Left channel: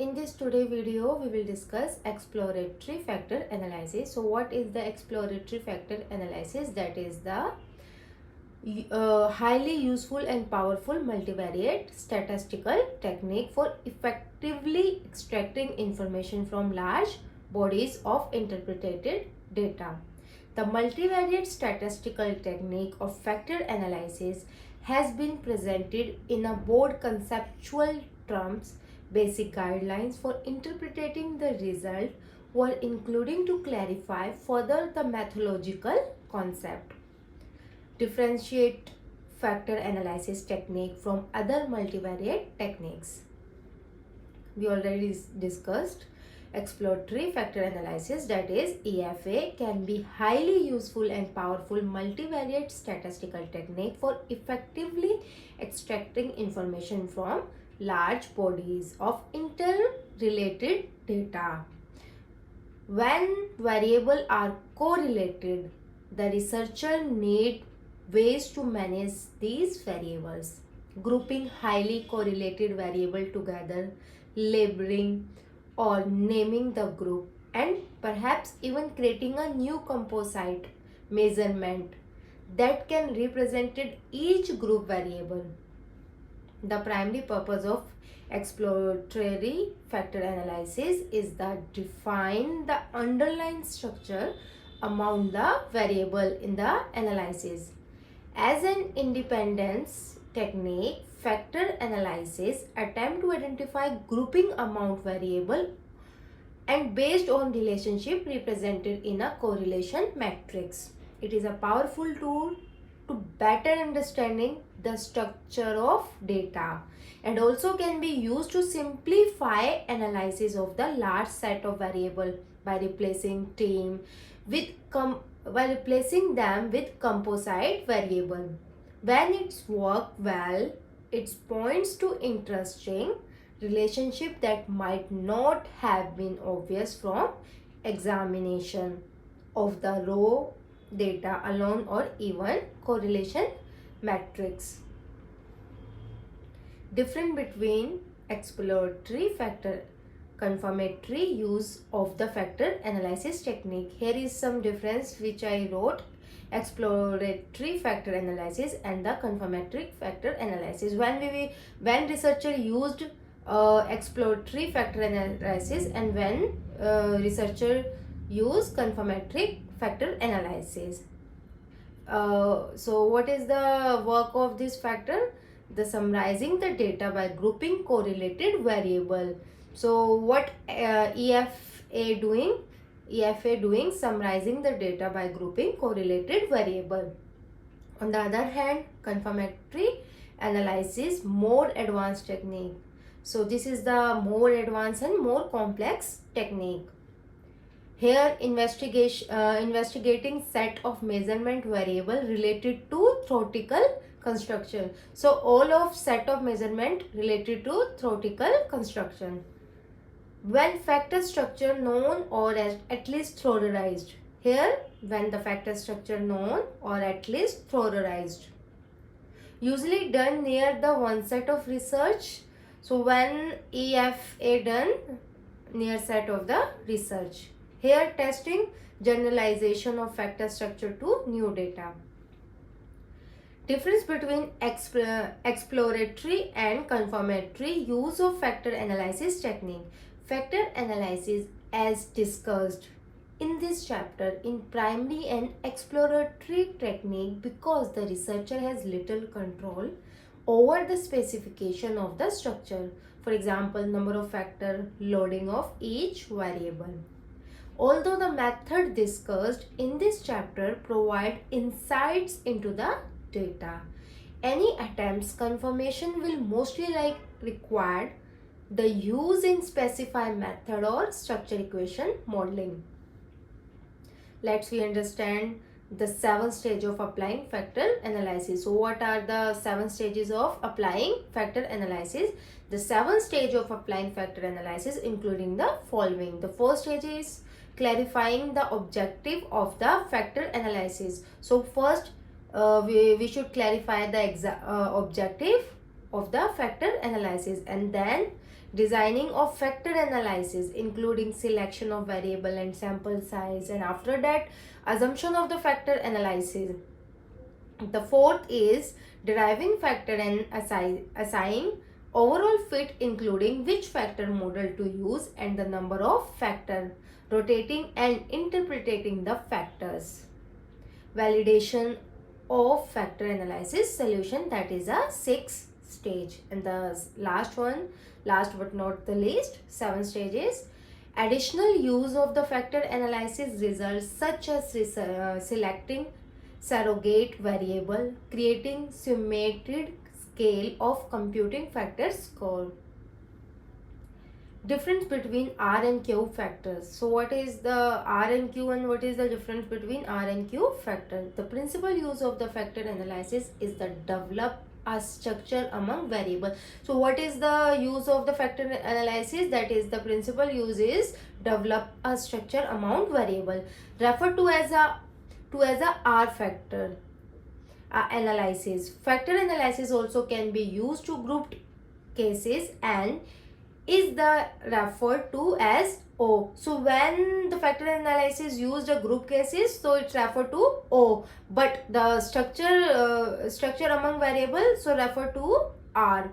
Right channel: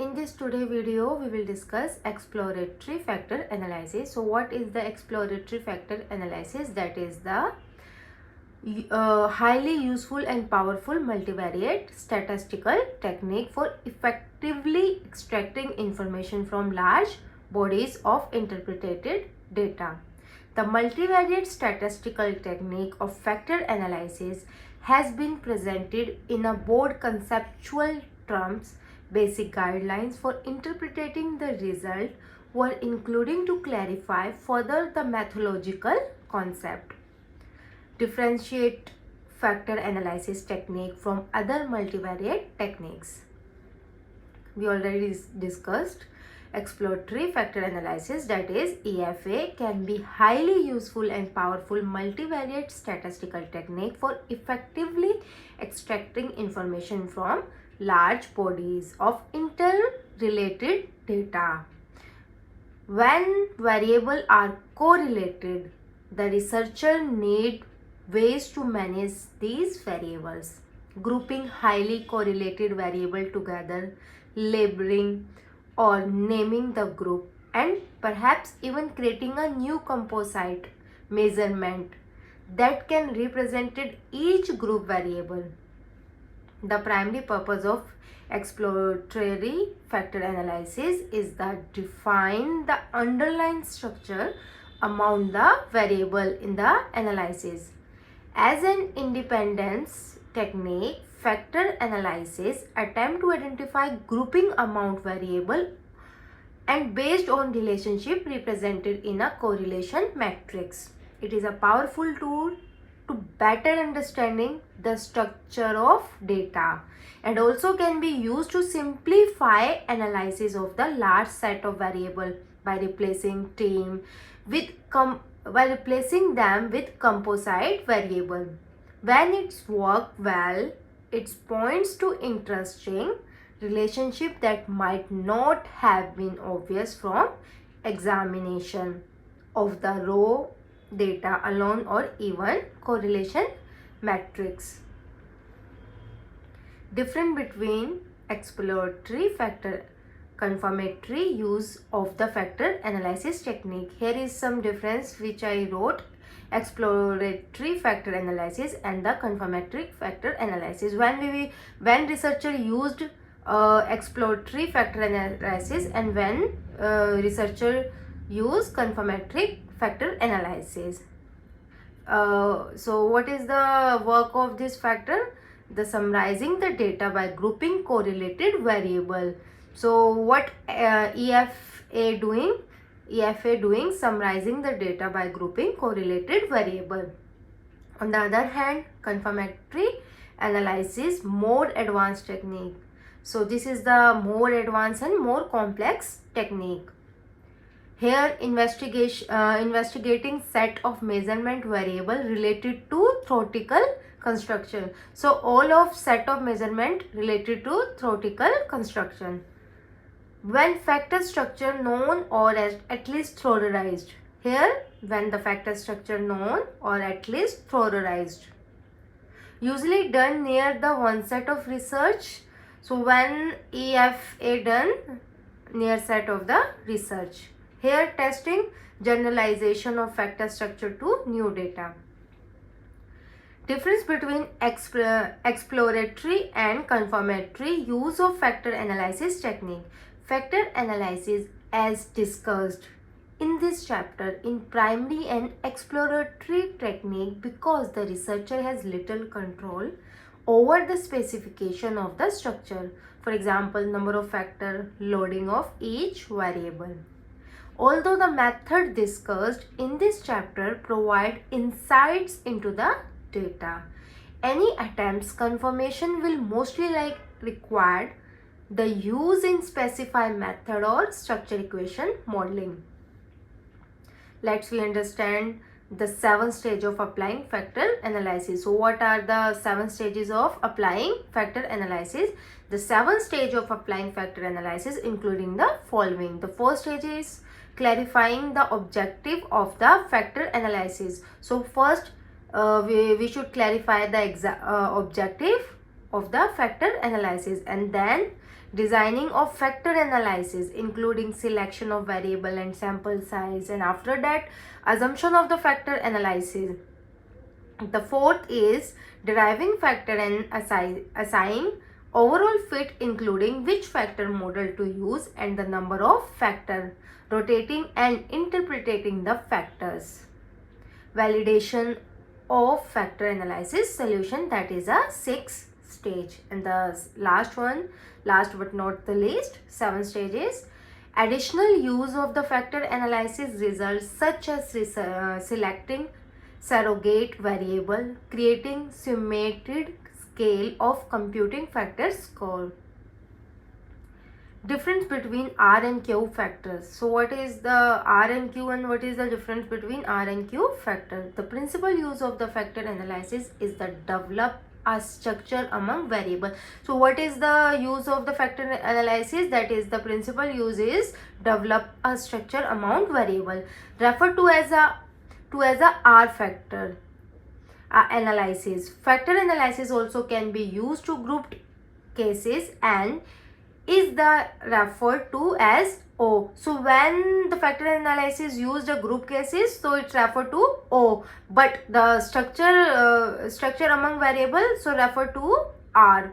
In this today video, we will discuss exploratory factor analysis. So what is the exploratory factor analysis? That is the highly useful and powerful multivariate statistical technique for effectively extracting information from large bodies of interpreted data. The multivariate statistical technique of factor analysis has been presented in a broad conceptual terms. Basic guidelines for interpreting the result were including to clarify further the methodological concept, differentiate factor analysis technique from other multivariate techniques. We already discussed exploratory factor analysis, that is EFA, can be highly useful and powerful multivariate statistical technique for effectively extracting information from large bodies of interrelated data. When variables are correlated, the researcher need ways to manage these variables, grouping highly correlated variables together, labeling or naming the group, and perhaps even creating a new composite measurement that can represent each group variable. The primary purpose of exploratory factor analysis is that define the underlying structure among the variable in the analysis. As an independence technique, factor analysis attempt to identify grouping amount variable and based on relationship represented in a correlation matrix. It is a powerful tool to better understanding the structure of data and also can be used to simplify analysis of the large set of variables by replacing them with composite variable. When it's worked well, it points to interesting relationship that might not have been obvious from examination of the raw data alone or even correlation matrix. Difference between exploratory factor confirmatory use of the factor analysis technique. Here is some difference which I wrote: exploratory factor analysis and the confirmatory factor analysis. When researcher used exploratory factor analysis and when researcher use confirmatory factor analysis. So what is the work of this factor? The summarizing the data by grouping correlated variable. So what EFA doing? EFA doing summarizing the data by grouping correlated variable. On the other hand, confirmatory analysis, more advanced technique. So this is the more advanced and more complex technique. Here investigating set of measurement variable related to theoretical construction. So all of set of measurement related to theoretical construction. When factor structure known or at least theorized. Here when the factor structure known or at least theorized. Usually done near the one set of research. So when EFA done near set of the research. Here testing generalization of factor structure to new data. Difference between exploratory and confirmatory use of factor analysis technique. Factor analysis, as discussed in this chapter, in primary and exploratory technique because the researcher has little control over the specification of the structure. For example, number of factor, loading of each variable. Although the method discussed in this chapter provide insights into the data, any attempts confirmation will mostly require the use in specified method or structure equation modeling. Let's we understand the 7 stages of applying factor analysis. So what are the 7 stages of applying factor analysis? The 7 stages of applying factor analysis including the following. The first stage is clarifying the objective of the factor analysis. So first we should clarify the objective of the factor analysis, and then designing of factor analysis including selection of variable and sample size, and after that assumption of the factor analysis. The fourth is deriving factor and assigning overall fit including which factor model to use and the number of factor, rotating and interpreting the factors. Validation of factor analysis solution, that is a 6th stage. And the last one, last but not the least, 7th stage is additional use of the factor analysis results such as selecting surrogate variable, creating symmetric scale of computing factor score. Difference between R and Q factors. So what is the R and Q and what is the difference between R and Q factor? The principal use of the factor analysis is the develop a structure among variable. So what is the use of the factor analysis? That is, the principal use is develop a structure among variable, referred to as a R factor analysis. Factor analysis also can be used to group cases and is the referred to as O. So when the factor analysis used a group cases, so it's referred to O, but the structure among variables, so referred to R.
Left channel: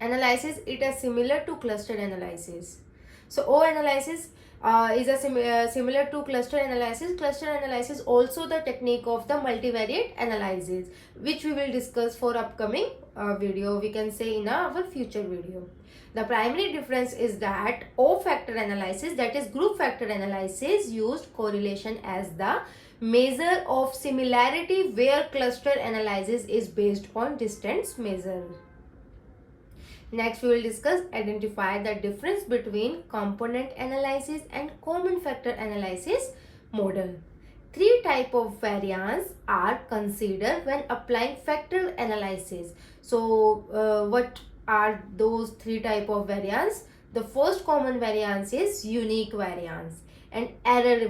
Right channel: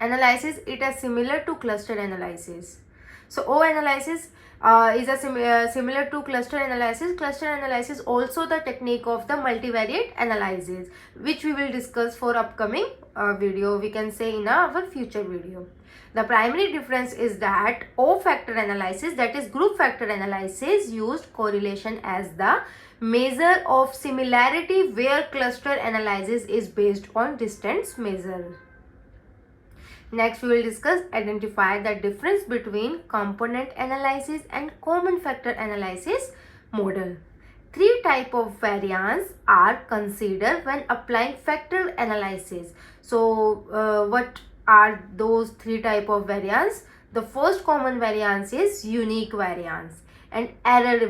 Analysis, it is similar to cluster analysis. So O analysis is a similar to cluster analysis. Cluster analysis also the technique of the multivariate analysis, which we will discuss for upcoming video, we can say in our future video. The primary difference is that O factor analysis, that is group factor analysis, used correlation as the measure of similarity, where cluster analysis is based on distance measure. Next, we will discuss identify the difference between component analysis and common factor analysis model. 3 types of variance are considered when applying factor analysis. So, what are those 3 types of variance? The first common variance is unique variance and error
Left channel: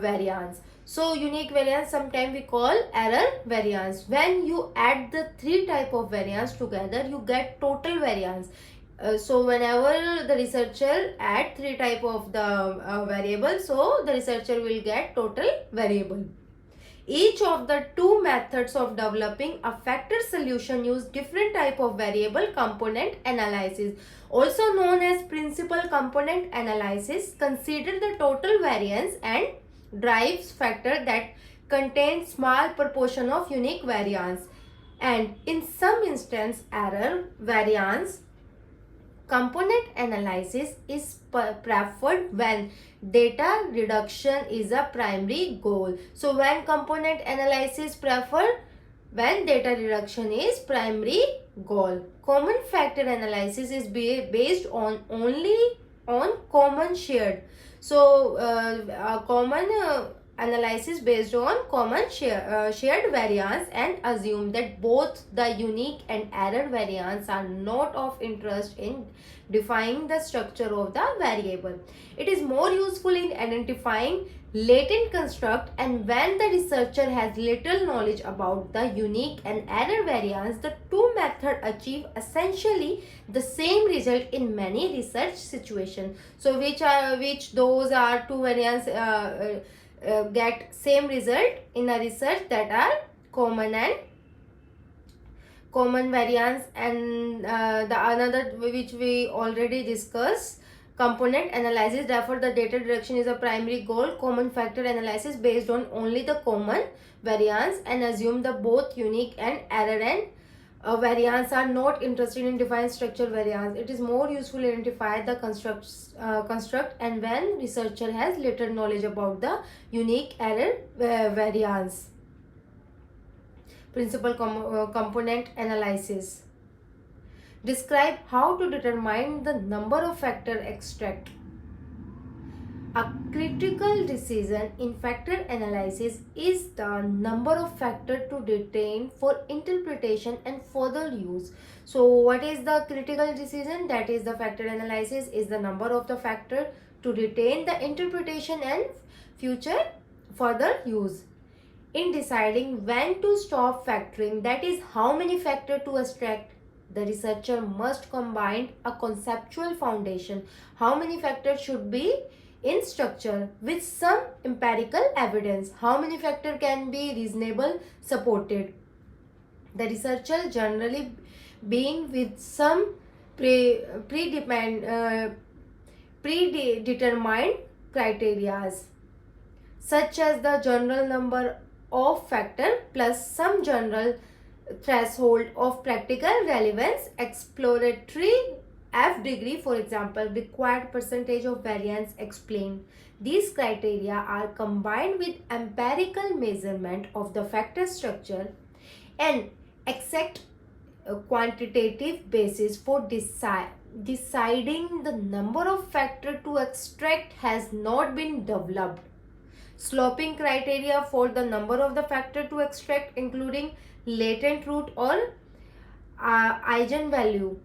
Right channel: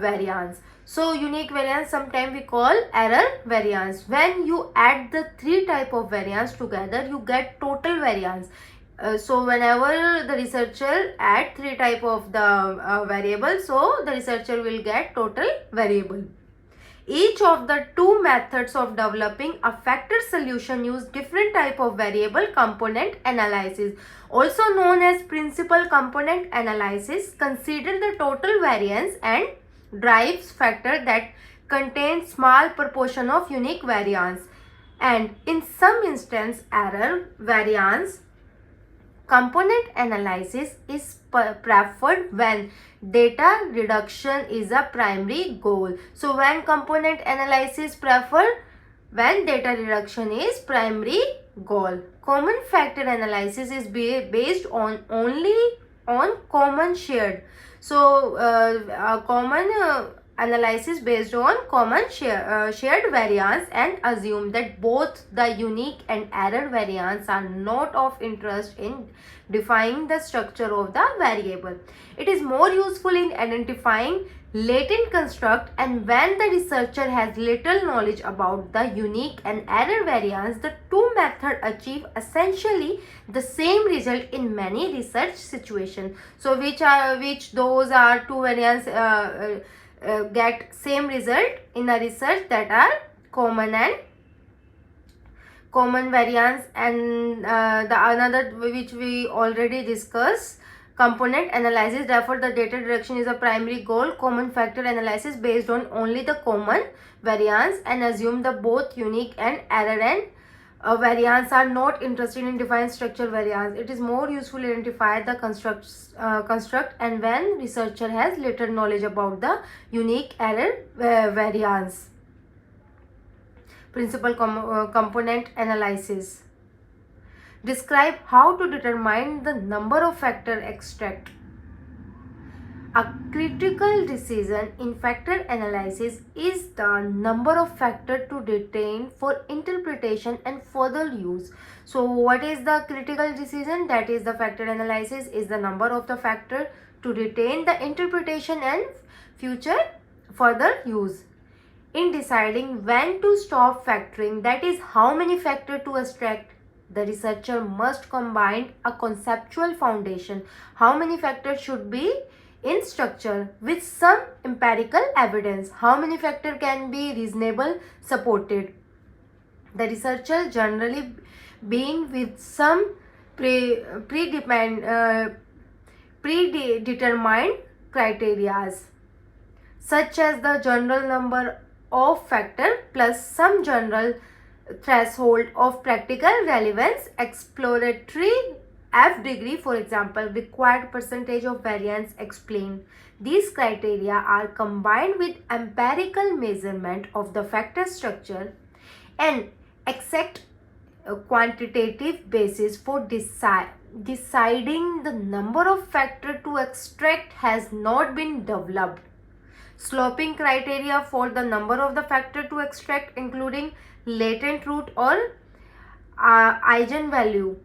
variance. So unique variance sometimes we call error variance. When you add the 3 types of variance together, you get total variance. So whenever the researcher add 3 types of the variable, so the researcher will get total variable. Each of the 2 methods of developing a factor solution use different type of variable component analysis, also known as principal component analysis. Consider the total variance and drives factor that contains small proportion of unique variance, and in some instance error variance. Component analysis is preferred when data reduction is a primary goal. So when component analysis preferred when data reduction is primary goal. Common factor analysis is based on only on common shared. So common analysis based on common shared variance and assume that both the unique and error variance are not of interest in defining the structure of the variable. It is more useful in identifying latent construct, and when the researcher has little knowledge about the unique and error variance, the 2 methods achieve essentially the same result in many research situations. So which those are 2 variants get same result in a research, that are common variance, and the another which we already discussed, component analysis. Therefore the data reduction is a primary goal. Common factor analysis based on only the common variance and assume the both unique and error and variance are not interested in defining structure variance. It is more useful to identify the construct and when researcher has little knowledge about the unique error variance. Principal component analysis. Describe how to determine the number of factor extract. A critical decision in factor analysis is the number of factors to retain for interpretation and further use. So what is the critical decision? That is, the factor analysis is the number of the factor to retain the interpretation and future further use. In deciding when to stop factoring, that is how many factors to extract, The researcher must combine a conceptual foundation, how many factors should be in structure, with some empirical evidence, how many factors can be reasonable supported. The researcher generally being with some predetermined criteria, such as the general number of factors plus some general threshold of practical relevance. Exploratory F degree, for example, required percentage of variance explained. These criteria are combined with empirical measurement of the factor structure and exact quantitative basis for deciding the number of factors to extract has not been developed. Sloping criteria for the number of the factor to extract, including latent root or eigenvalue,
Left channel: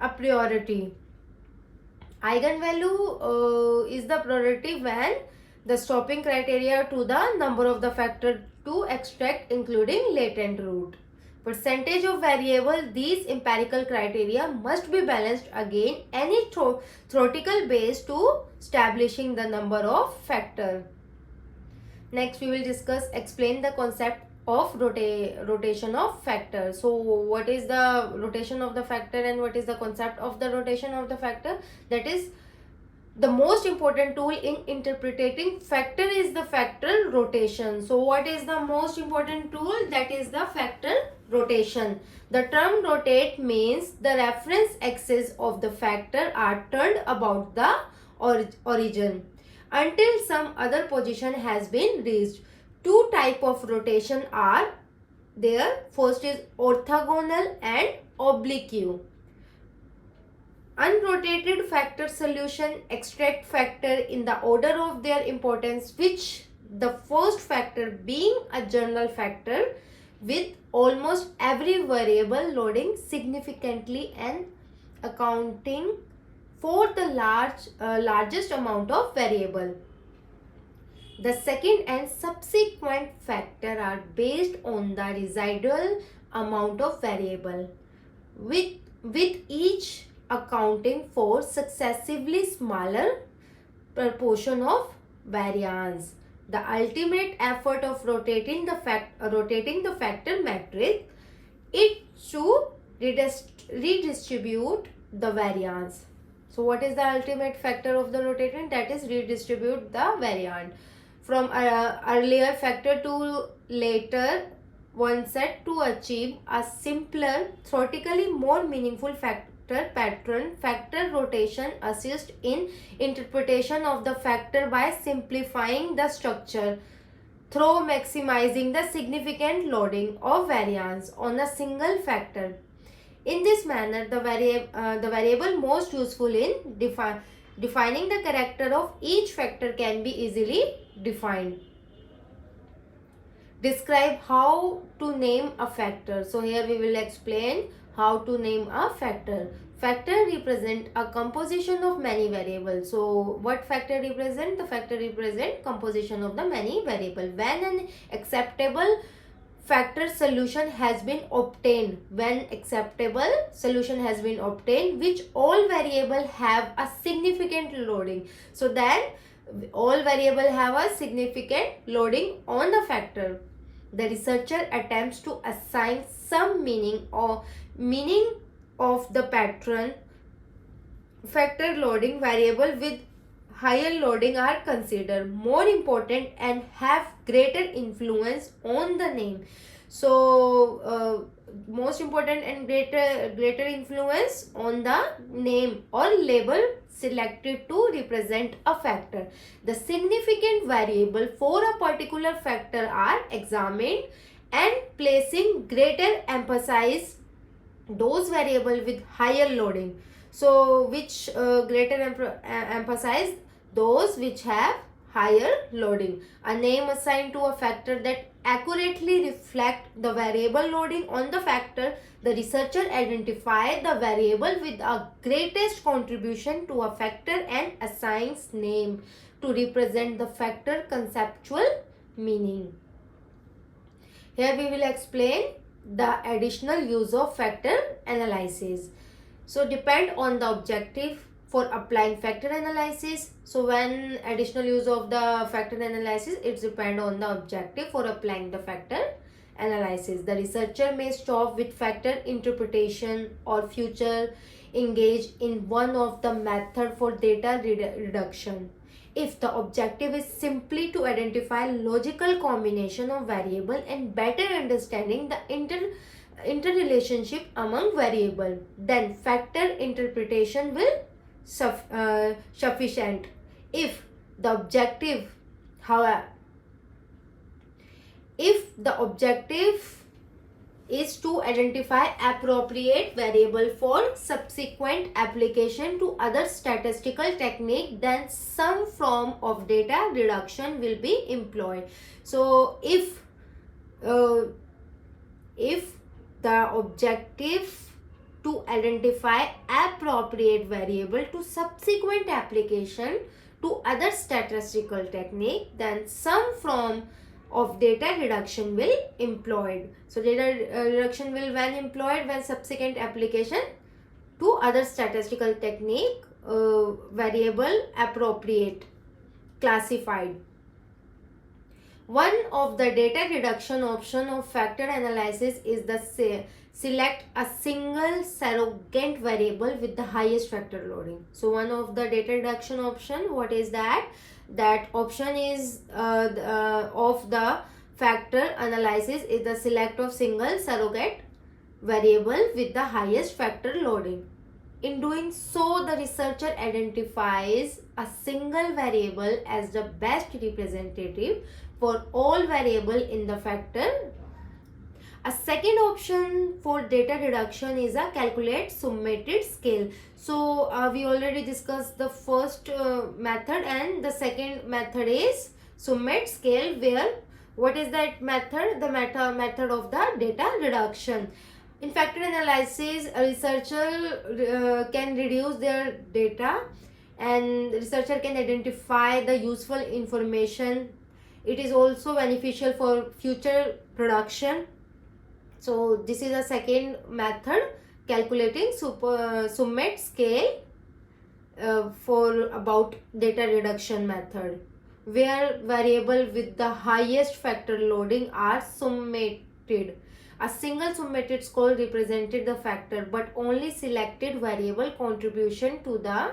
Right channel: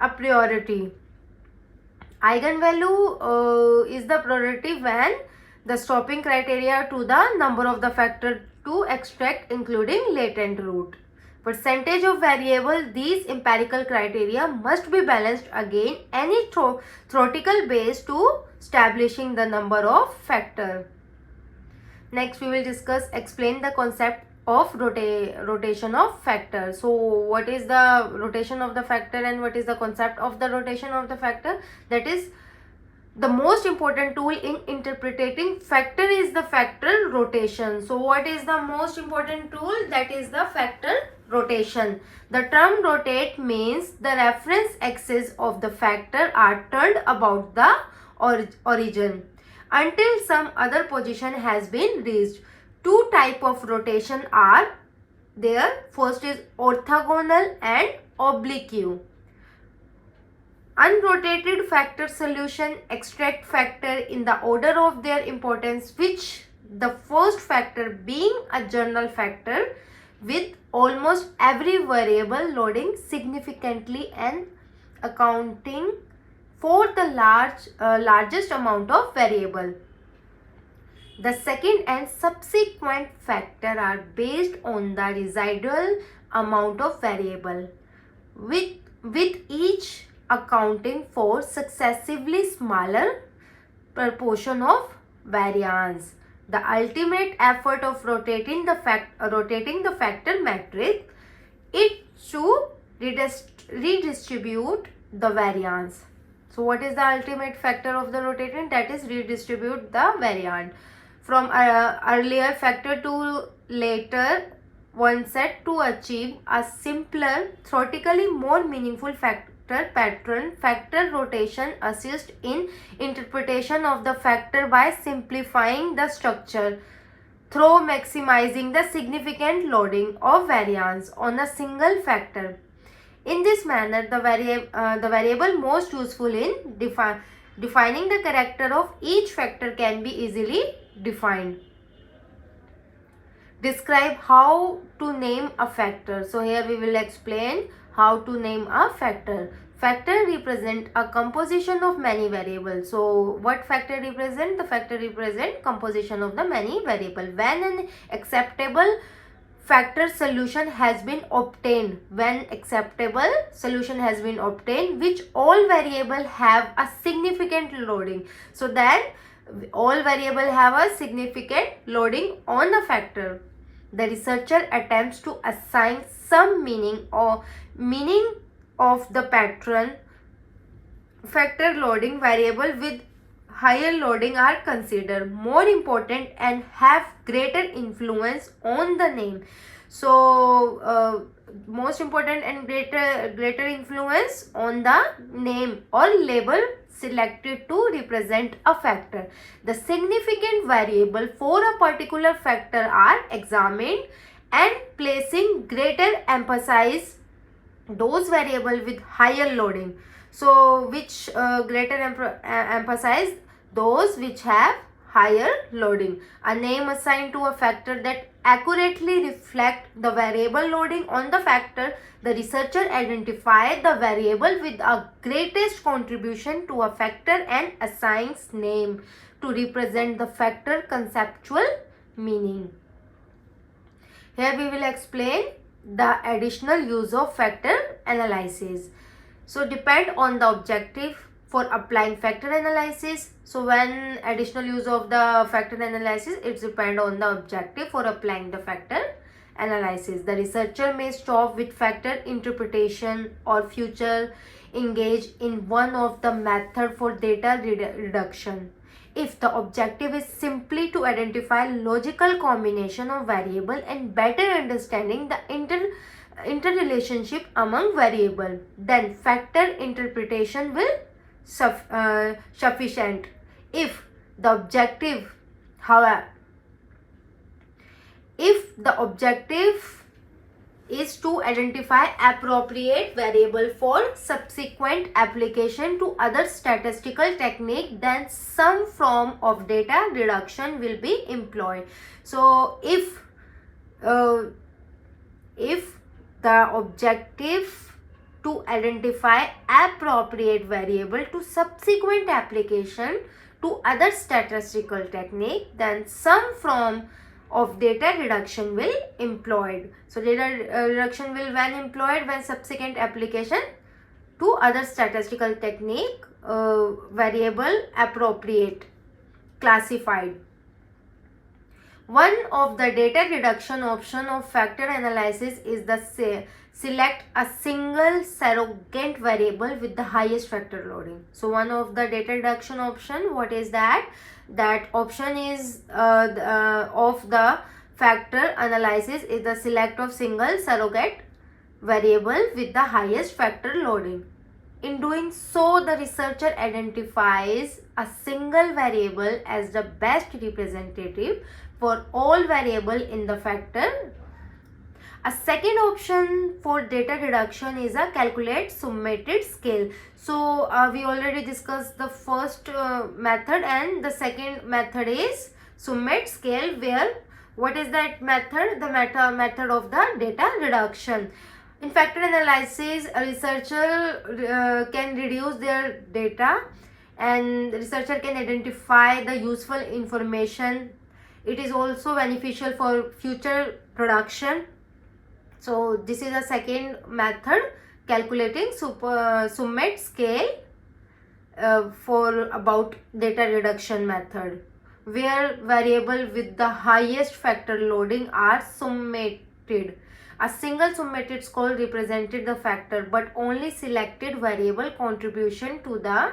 a priority. Eigenvalue is the priority when the stopping criteria to the number of the factor to extract, including latent root. Percentage of variable, these empirical criteria must be balanced against any theoretical base to establishing the number of factor. Next, we will discuss, explain the concept of rotation of factor. So what is the rotation of the factor and what is the concept of the rotation of the factor? That is the most important tool in interpreting factor is the factor rotation. So what is the most important tool? That is the factor rotation. The term rotate means the reference axis of the factor are turned about the origin until some other position has been reached. Two types of rotation are there. First is orthogonal and oblique. Unrotated factor solution extract factor in the order of their importance, which the first factor being a general factor with almost every variable loading significantly and accounting for the largest amount of variable. The second and subsequent factor are based on the residual amount of variable, with each accounting for successively smaller proportion of variance. The ultimate effort of rotating the factor matrix is to redistribute the variance. So what is the ultimate factor of the rotating? That is redistribute the variance from earlier factor to later one set to achieve a simpler, theoretically more meaningful factor pattern. Factor rotation assists in interpretation of the factor by simplifying the structure through maximizing the significant loading of variance on a single factor. In this manner, the variable most useful in defining the character of each factor can be easily defined. Describe how to name a factor. So here we will explain how to name a factor. Factor represent a composition of many variables. So what factor represent? The factor represent composition of the many variables. When an acceptable factor solution has been obtained, which all variable have a significant loading. So then all variable have a significant loading on the factor. The researcher attempts to assign some meaning of the pattern. Factor loading variable with higher loading are considered more important and have greater influence on the name. So most important and greater influence on the name or label selected to represent a factor. The significant variable for a particular factor are examined and placing greater emphasis those variable with higher loading. So which greater emphasize those which have higher loading. A name assigned to a factor that accurately reflect the variable loading on the factor. The researcher identifies the variable with a greatest contribution to a factor and assigns name to represent the factor conceptual meaning. Here we will explain the additional use of factor analysis. So depend on the objective for applying factor analysis. So when additional use of the factor analysis, it depends on the objective for applying the factor analysis. The researcher may stop with factor interpretation or future engage in one of the method for data reduction. If the objective is simply to identify logical combination of variable and better understanding the interrelationship among variable, then factor interpretation will sufficient. If the objective, however, if the objective is to identify appropriate variable for subsequent application to other statistical technique, then some form of data reduction will be employed. So if the objective to identify appropriate variable to subsequent application to other statistical technique, then some form of data reduction will employed. So data reduction will when employed when subsequent application to other statistical technique variable appropriate classified. One of the data reduction option of factor analysis is the select a single surrogate variable with the highest factor loading. So one of the data reduction option, what is that? That option is of the factor analysis is the select of single surrogate variable with the highest factor loading. In doing so, the researcher identifies a single variable as the best representative for all variable in the factor. A second option for data reduction is a calculate summated scale. So we already discussed the first method, and the second method is summate scale, where what is that method? The method of the data reduction. In factor analysis, a researcher can reduce their data, and the researcher can identify the useful information. It is also beneficial for future production. So this is a second method, calculating summate scale for about data reduction method, where variable with the highest factor loading are summated. A single summated score represented the factor, but only selected variable contribution to the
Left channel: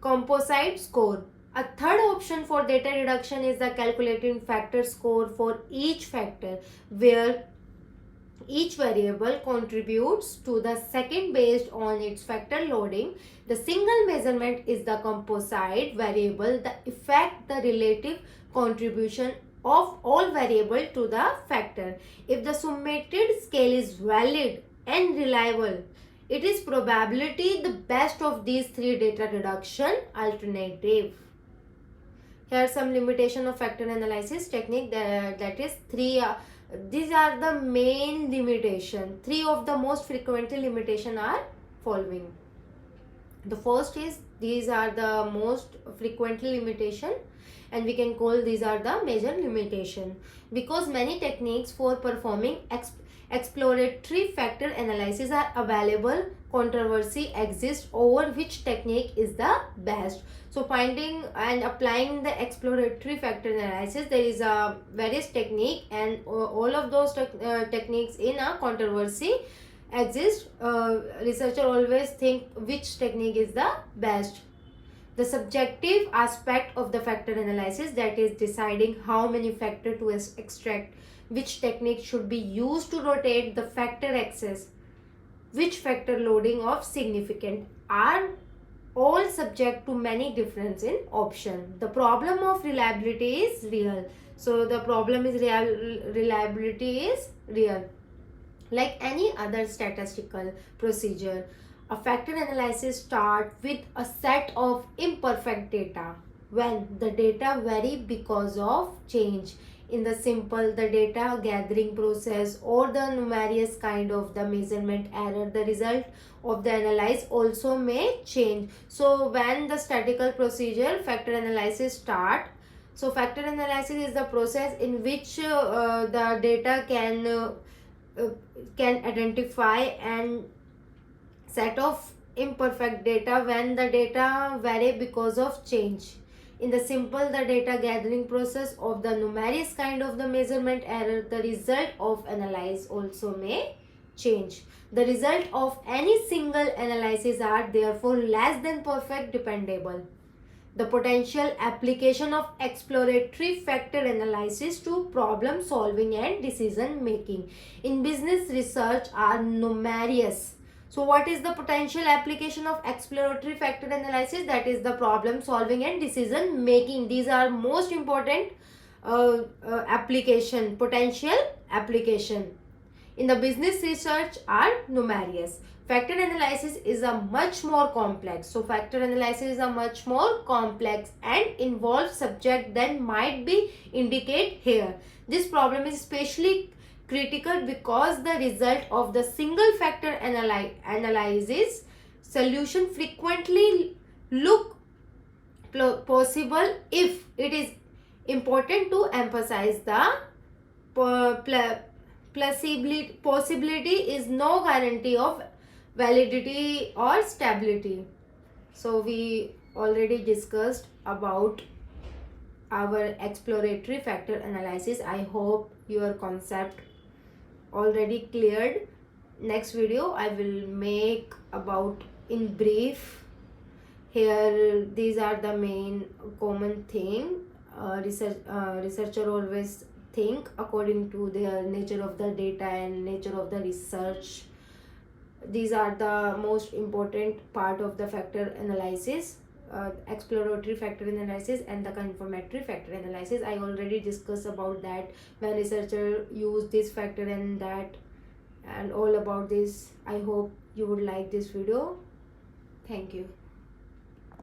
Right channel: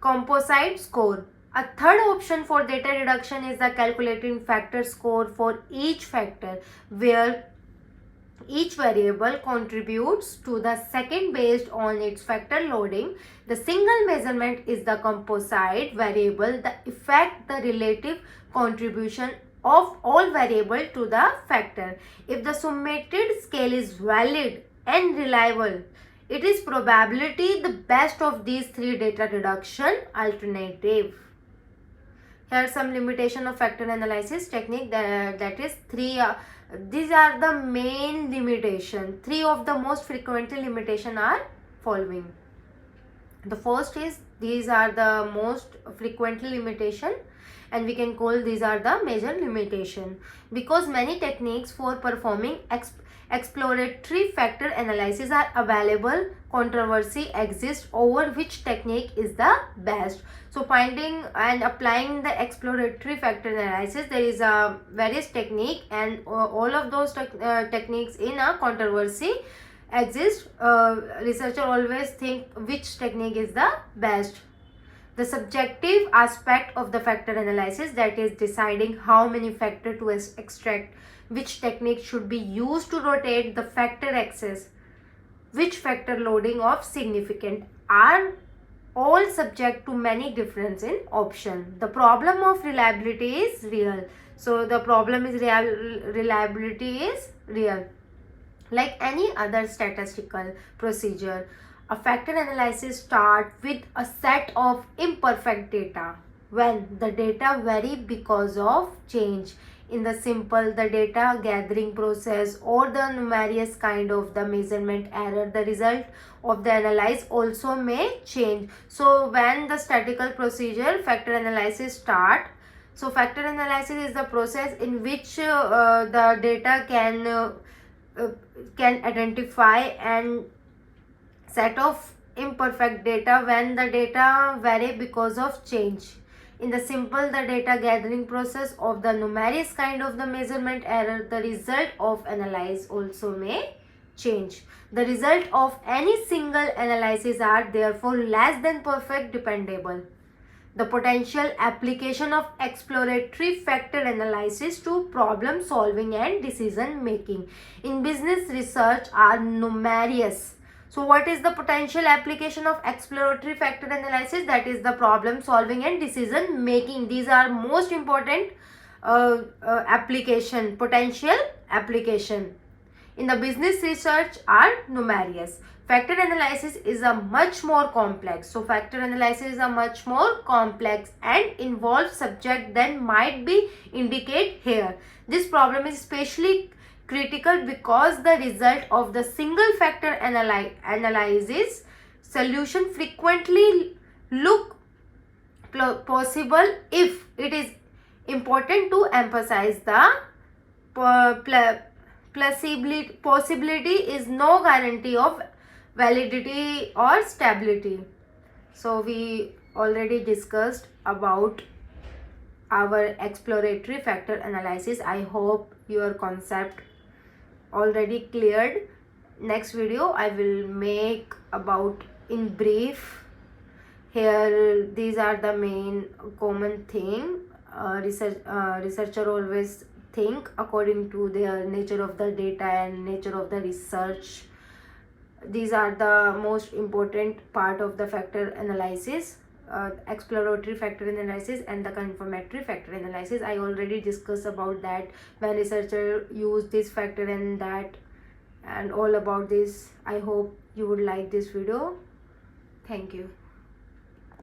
composite score. A third option for data reduction is the calculating factor score for each factor, where each variable contributes to the second based on its factor loading. The single measurement is the composite variable, the effect the relative contribution of all variable to the factor. If the summated scale is valid and reliable, it is probability the best of these three data reduction alternative. Here are some limitation of factor analysis technique, that is three. These are the main limitation. Three of the most frequently limitation are following. The first is, these are the most frequently limitation, and we can call these are the major limitation, because many techniques for performing exploratory factor analysis are available. Controversy exists over which technique is the best. So finding and applying the exploratory factor analysis, there is a various technique, and all of those techniques in a controversy exist. Researcher always think which technique is the best. The subjective aspect of the factor analysis, that is deciding how many factor to extract, which technique should be used to rotate the factor axis, which factor loading of significant, are all subject to many difference in option. The problem of reliability is real. So the problem is reliability is real. Like any other statistical procedure, a factor analysis starts with a set of imperfect data. When the data vary because of change in the the data gathering process, or the numerous kind of the measurement error, the result of the analysis also may change. So when the statistical procedure factor analysis start, so factor analysis is the process in which the data can can identify and set of imperfect data when the data vary because of change. In the simple, the data gathering process of the numerous kind of the measurement error, the result of analysis also may change. The result of any single analysis are therefore less than perfect dependable. The potential application of exploratory factor analysis to problem solving and decision making in business research are numerous. So what is the potential application of exploratory factor analysis? That is the problem solving and decision making. These are most important application, potential application in the business research are numerous. Factor analysis is a much more complex. So factor analysis is a much more complex and involved subject than might be indicate here. This problem is especially critical because the result of the single factor analysis solution frequently look possible. If it is important to emphasize the possibility is no guarantee of validity or stability. So we already discussed about our exploratory factor analysis. I hope your concept already cleared. Next video I will make about in brief. Here these are the main common thing. Researcher always think according to their nature of the data and nature of the research. These are the most important part of the factor analysis. Exploratory factor analysis and the confirmatory factor analysis. I already discussed about that when researcher use this factor and that and all about this. I hope you would like this video. Thank you.